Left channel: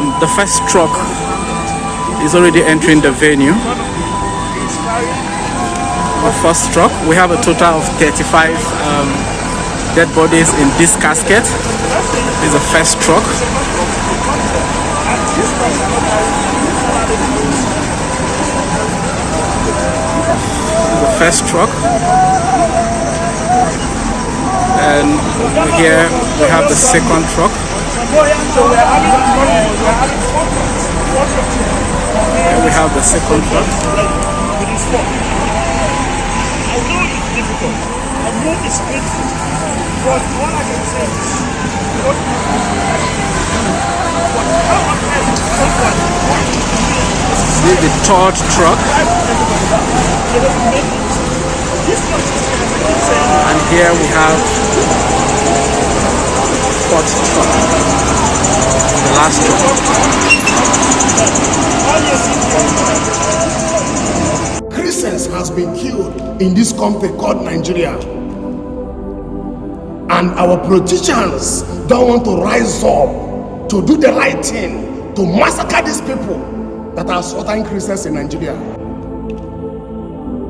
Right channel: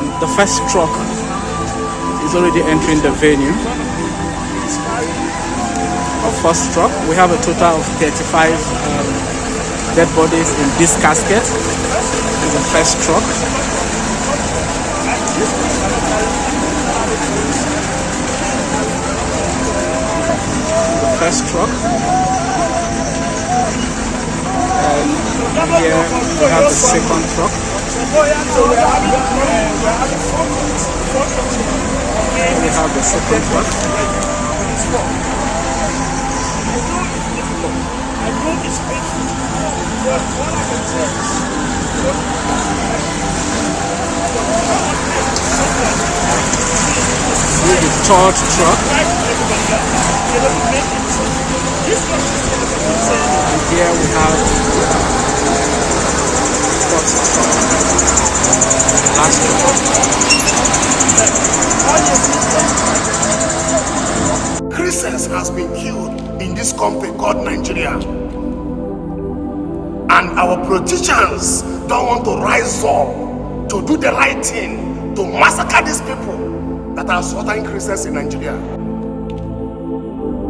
The first truck is already entering the venue. The first truck. We have a total of 35 dead bodies in this casket. This is the first truck. The first truck. And here we have the second truck. Here we have the second truck. I know it's difficult. I know it's painful. But all I can say is, this is the third truck. And here we have the fourth truck. The last truck. Christians has been killed in this country called Nigeria, and our politicians don't want to rise up to do the right thing, to massacre these people that are slaughtering Christians in Nigeria.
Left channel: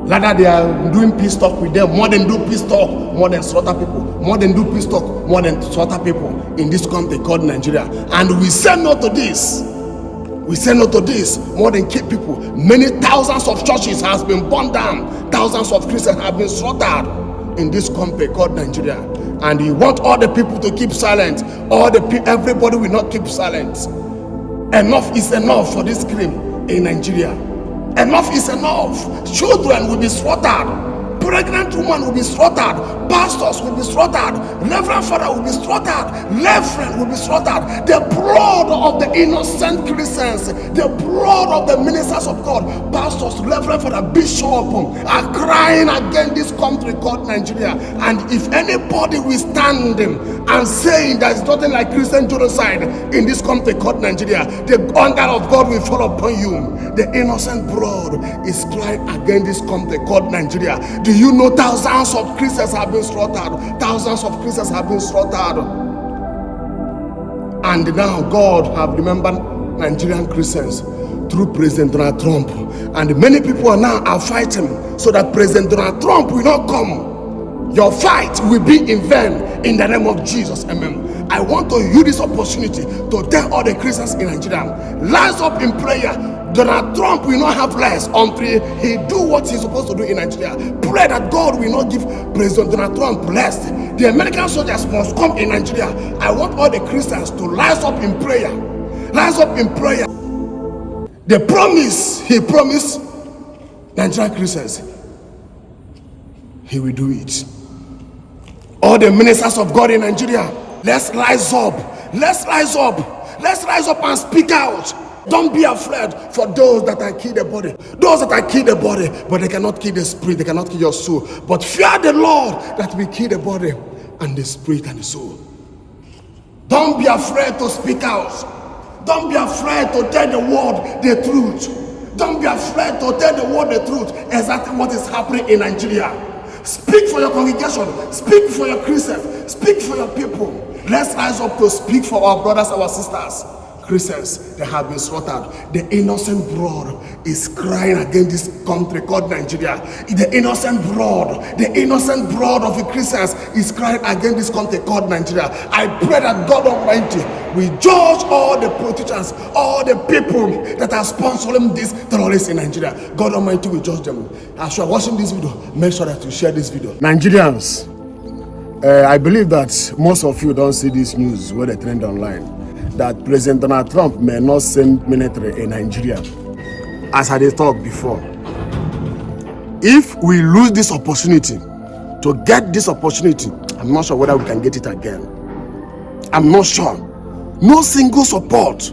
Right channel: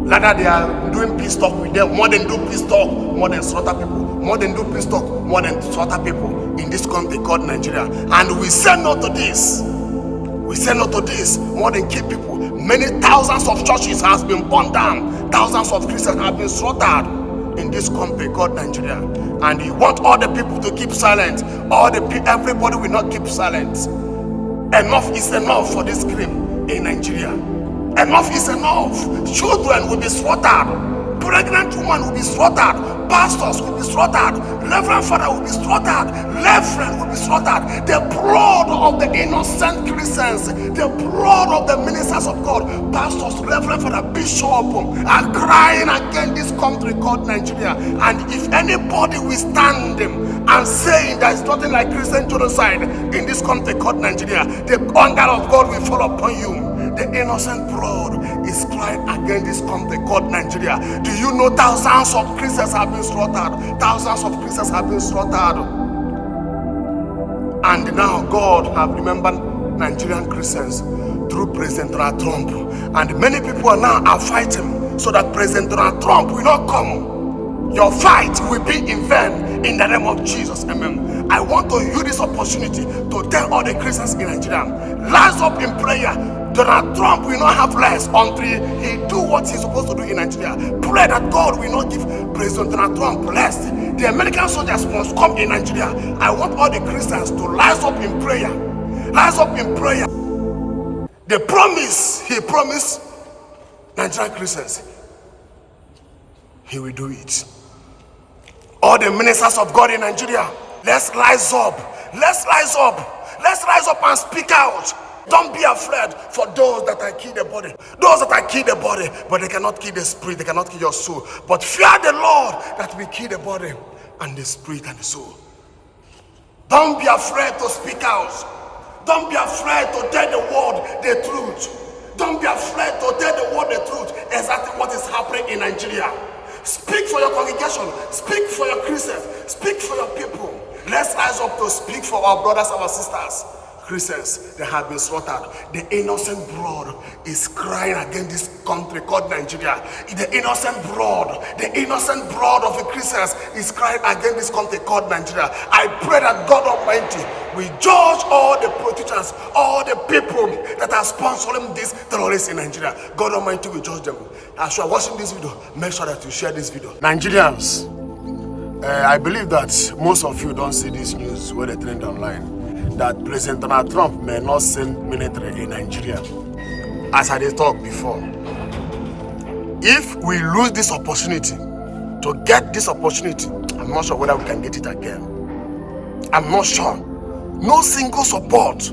Rather, they are doing peace talk with them. More than do peace talk, more than slaughter people. More than do peace talk, more than slaughter people in this country called Nigeria. And we say no to this. We say no to this, more than keep people. Many thousands of churches has been burned down. Thousands of Christians have been slaughtered in this country called Nigeria. And you want all the people to keep silent. Everybody will not keep silent. Enough is enough for this crime in Nigeria. Enough is enough. Children will be slaughtered. Pregnant women will be slaughtered. Pastors will be slaughtered. Reverend Father will be slaughtered. Reverend will be slaughtered. The blood of the innocent Christians, the blood of the ministers of God, pastors, Reverend Father, Bishop, are crying against this country called Nigeria. And if anybody will stand and saying there is nothing like Christian genocide in this country called Nigeria, the anger of God will fall upon you. The innocent blood is crying against this country called Nigeria. Do you know thousands of Christians have been slaughtered? Thousands of Christians have been slaughtered. And now God have remembered Nigerian Christians through President Donald Trump. And many people are fighting so that President Donald Trump will not come. Your fight will be in vain in the name of Jesus. Amen. I want to use this opportunity to tell all the Christians in Nigeria, rise up in prayer. Donald Trump will not have rest until he do what he's supposed to do in Nigeria. Pray that God will not give President Donald Trump rest. The American soldiers must come in Nigeria. I want all the Christians to rise up in prayer. Rise up in prayer. The promise he promised Nigerian Christians, he will do it. All the ministers of God in Nigeria, let's rise up. Let's rise up. Let's rise up and speak out. Don't be afraid for those that are kill the body. Those that are kill the body, but they cannot kill the spirit, they cannot kill your soul. But fear the Lord that will kill the body and the spirit and the soul. Don't be afraid to speak out. Don't be afraid to tell the world the truth. Don't be afraid to tell the world the truth, exactly what is happening in Nigeria. Speak for your congregation. Speak for your Christians. Speak for your people. Let's rise up to speak for our brothers, our sisters. Christians that have been slaughtered. The innocent blood is crying against this country called Nigeria. The innocent blood of the Christians is crying against this country called Nigeria. I pray that God Almighty will judge all the politicians, all the people that are sponsoring these terrorists in Nigeria. God Almighty will judge them. As you are watching this video, make sure that you share this video. Nigerians, I believe that most of you don't see this news where they trend online, that President Donald Trump may not send military in Nigeria, as I did talk before. If we lose this opportunity, to get this opportunity, I'm not sure whether we can get it again. I'm not sure. No single support,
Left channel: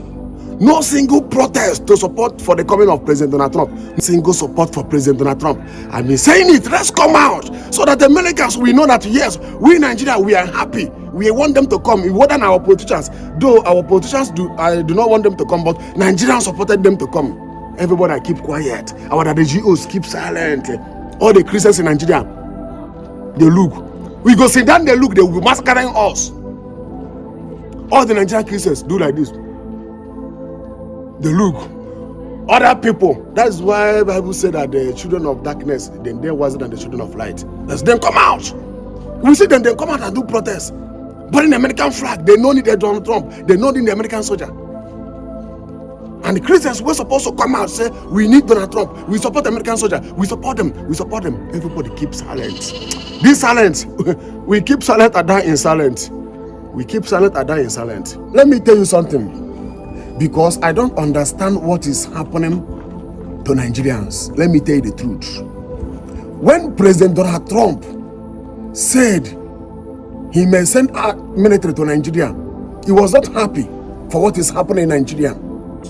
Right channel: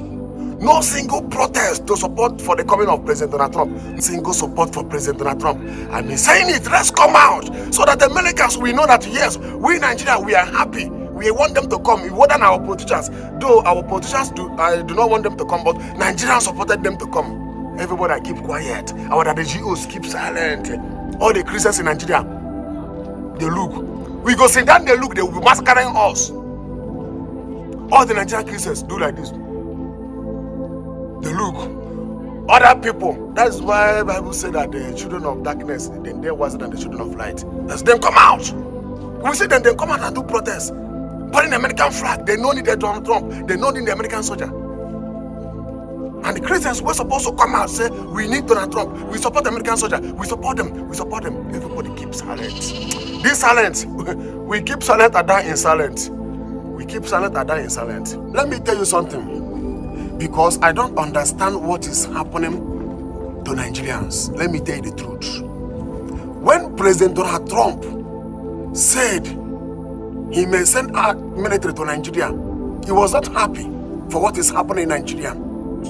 no single protest to support for the coming of President Donald Trump. No single support for President Donald Trump. I've been saying it, let's come out so that the Americans will know that yes, we in Nigeria, we are happy. We want them to come, more than our politicians. Though our politicians I do not want them to come, but Nigerians supported them to come. Everybody keep quiet. Our NGOs keep silent. All the Christians in Nigeria, they look. We go sit down, they look, they will be massacring us. All the Nigerian Christians do like this. They look. Other people. That's why the Bible said that the children of darkness, they're wiser than the children of light. Let's them come out. We see them, they come out and do protests. But in the American flag, they don't need Donald Trump. They don't need the American soldier. And the Christians were supposed to come out and say, we need Donald Trump. We support the American soldier. We support them. We support them. Everybody keeps silent. This silent. We keep silent and die in silent. We keep silent and die in silent. Let me tell you something. Because I don't understand what is happening to Nigerians. Let me tell you the truth. When President Donald Trump said he may send our military to Nigeria, he was not happy for what is happening in Nigeria.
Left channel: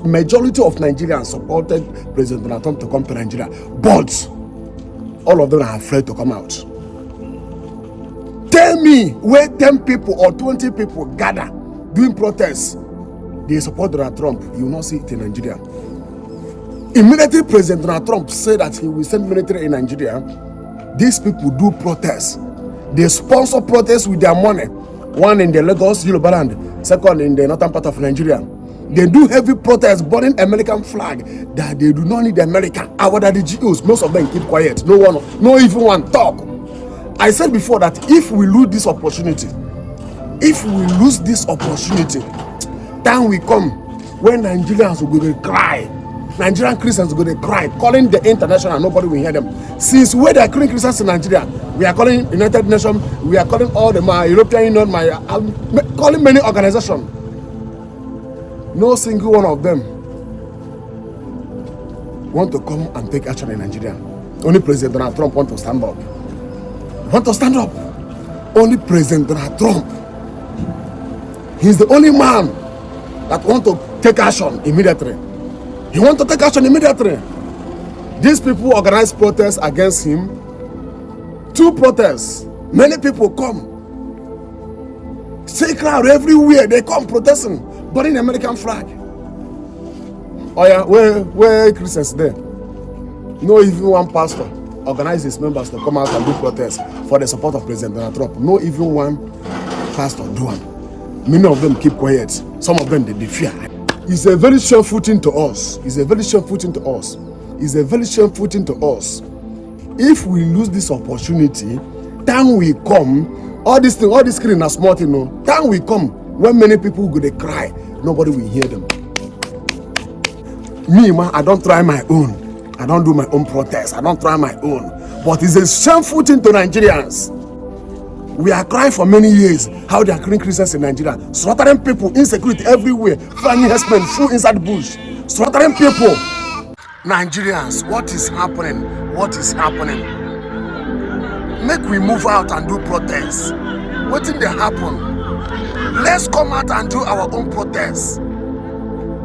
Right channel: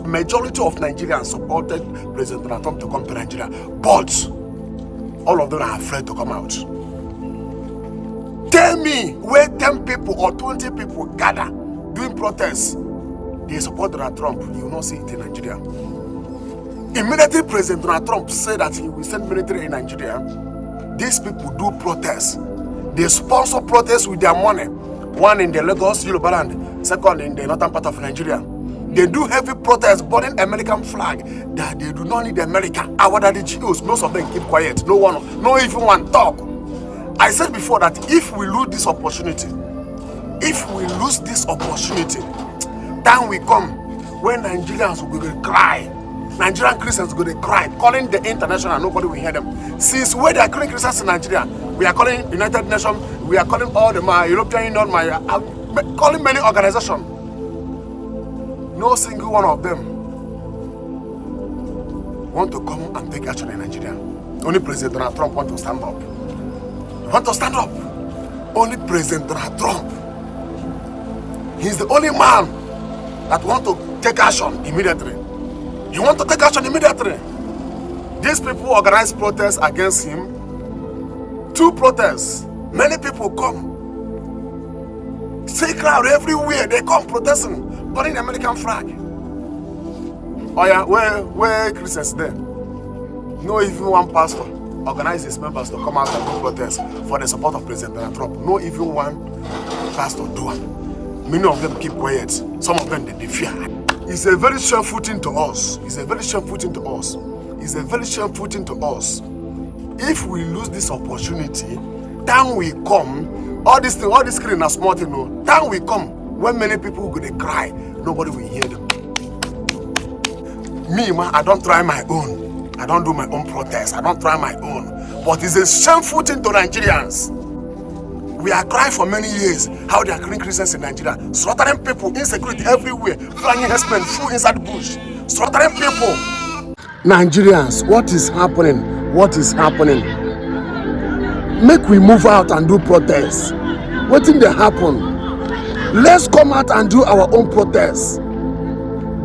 Majority of Nigerians supported President Donald Trump to come to Nigeria, but all of them are afraid to come out. Tell me where 10 people or 20 people gather doing protests, they support Donald Trump. You will not see it in Nigeria. Immediately President Donald Trump said that he will send military in Nigeria, these people do protests. They sponsor protests with their money. One in the Lagos, Yoruba land, second in the northern part of Nigeria. They do heavy protests burning American flag that they do not need America. Our daddy GOs, most of them keep quiet. No even one talk. I said before that if we lose this opportunity, time will come when Nigerians will go to cry. Nigerian Christians will go to cry, calling the international and nobody will hear them. Since we are calling Christians in Nigeria, we are calling United Nations, we are calling all the European Union, calling many organizations. No single one of them want to come and take action in Nigeria. Only President Donald Trump want to stand up. Only President Donald Trump. He's the only man that want to take action immediately. He want to take action immediately. These people organize protests against him. 2 protests. Many people come. Say crowd everywhere. They come protesting, burning the American flag. Oh yeah, where Christians there? No even one pastor organize his members to come out and do protests for the support of President Donald Trump. No even one pastor do one. Many of them keep quiet. Some of them they fear. It's a very shameful thing to us. If we lose this opportunity, time will come. All this screen are small, you know. Time will come when many people go to cry. Nobody will hear them. Me, man, I don't try my own. I don't do my own protest. I don't try my own. But it's a shameful thing to Nigerians. We are crying for many years how they are killing Christians in Nigeria, slaughtering people, insecurity everywhere, flying herdsmen, full inside the bush, slaughtering people. Nigerians, what is happening? Make we move out and do protests. What did they happen? Let's come out and do our own protests.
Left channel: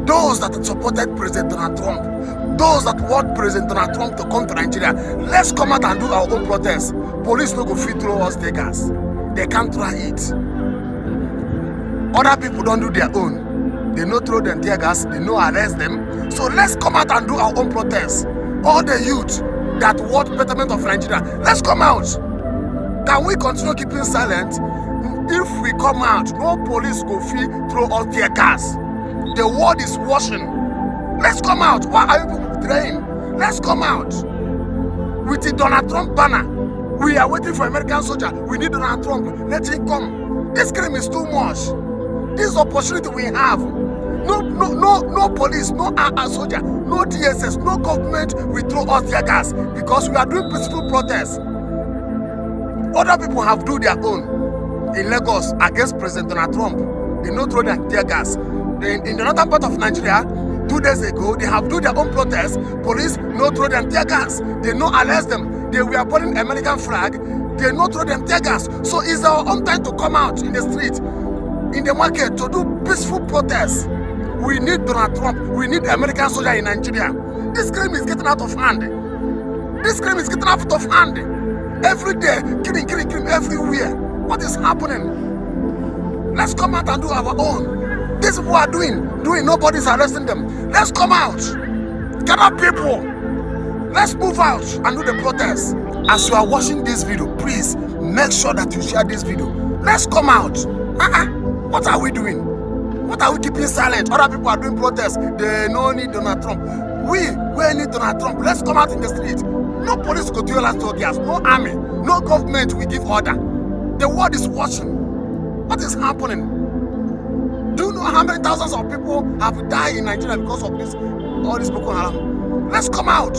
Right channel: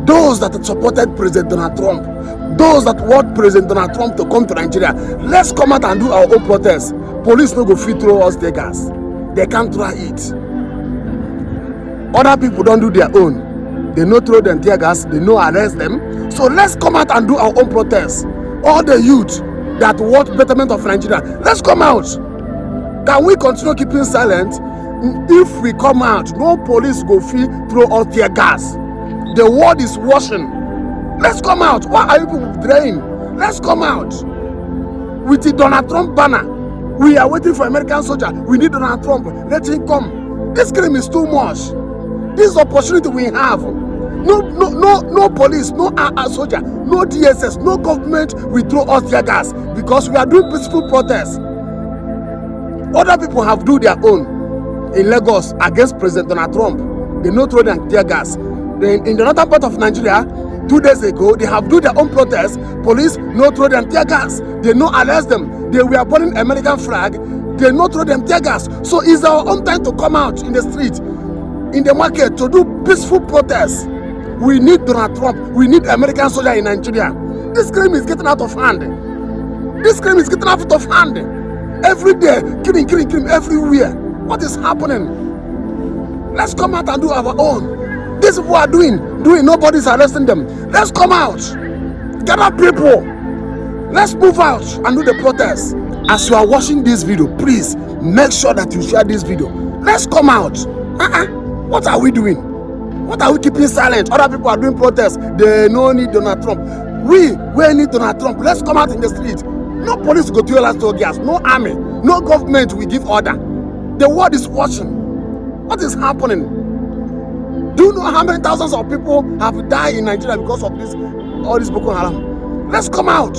Those that supported President Donald Trump, those that want President Donald Trump to come to Nigeria, let's come out and do our own protests. Police no go fit throw us tear gas. They can't try it. Other people don't do their own. They no throw them tear gas, they no arrest them. So let's come out and do our own protests. All the youth that want betterment of Nigeria, let's come out. Can we continue keeping silent? If we come out, no police go fit throw us tear gas. The world is washing. Let's come out. Why are you people draining? Let's come out. With the Donald Trump banner. We are waiting for American soldier. We need Donald Trump. Let him come. This crime is too much. This opportunity we have. No police, no soldier, no DSS, no government will throw us tear gas because we are doing peaceful protests. Other people have do their own. In Lagos against President Donald Trump, they no throw their tear gas. In the northern part of Nigeria, 2 days ago, they have do their own protests. Police no throw them tear gas. They no arrest them. They were burning American flag. They no throw them tear gas. So it's our own time to come out in the street, in the market, to do peaceful protests. We need Donald Trump. We need American soldier in Nigeria. This crime is getting out of hand. Every day, killing everywhere. What is happening? Let's come out and do our own. These people are doing, nobody's arresting them. Let's come out. Gather people. Let's move out and do the protest. As you are watching this video, please make sure that you share this video. Let's come out. What are we doing? What are we keeping silent? Other people are doing protests. They no need Donald Trump. We need Donald Trump. Let's come out in the street. No police go to us to gas. No army. No government will give order. The world is watching. What is happening? Do you know how many thousands of people have died in Nigeria because of this? All this Boko Haram. Let's come out.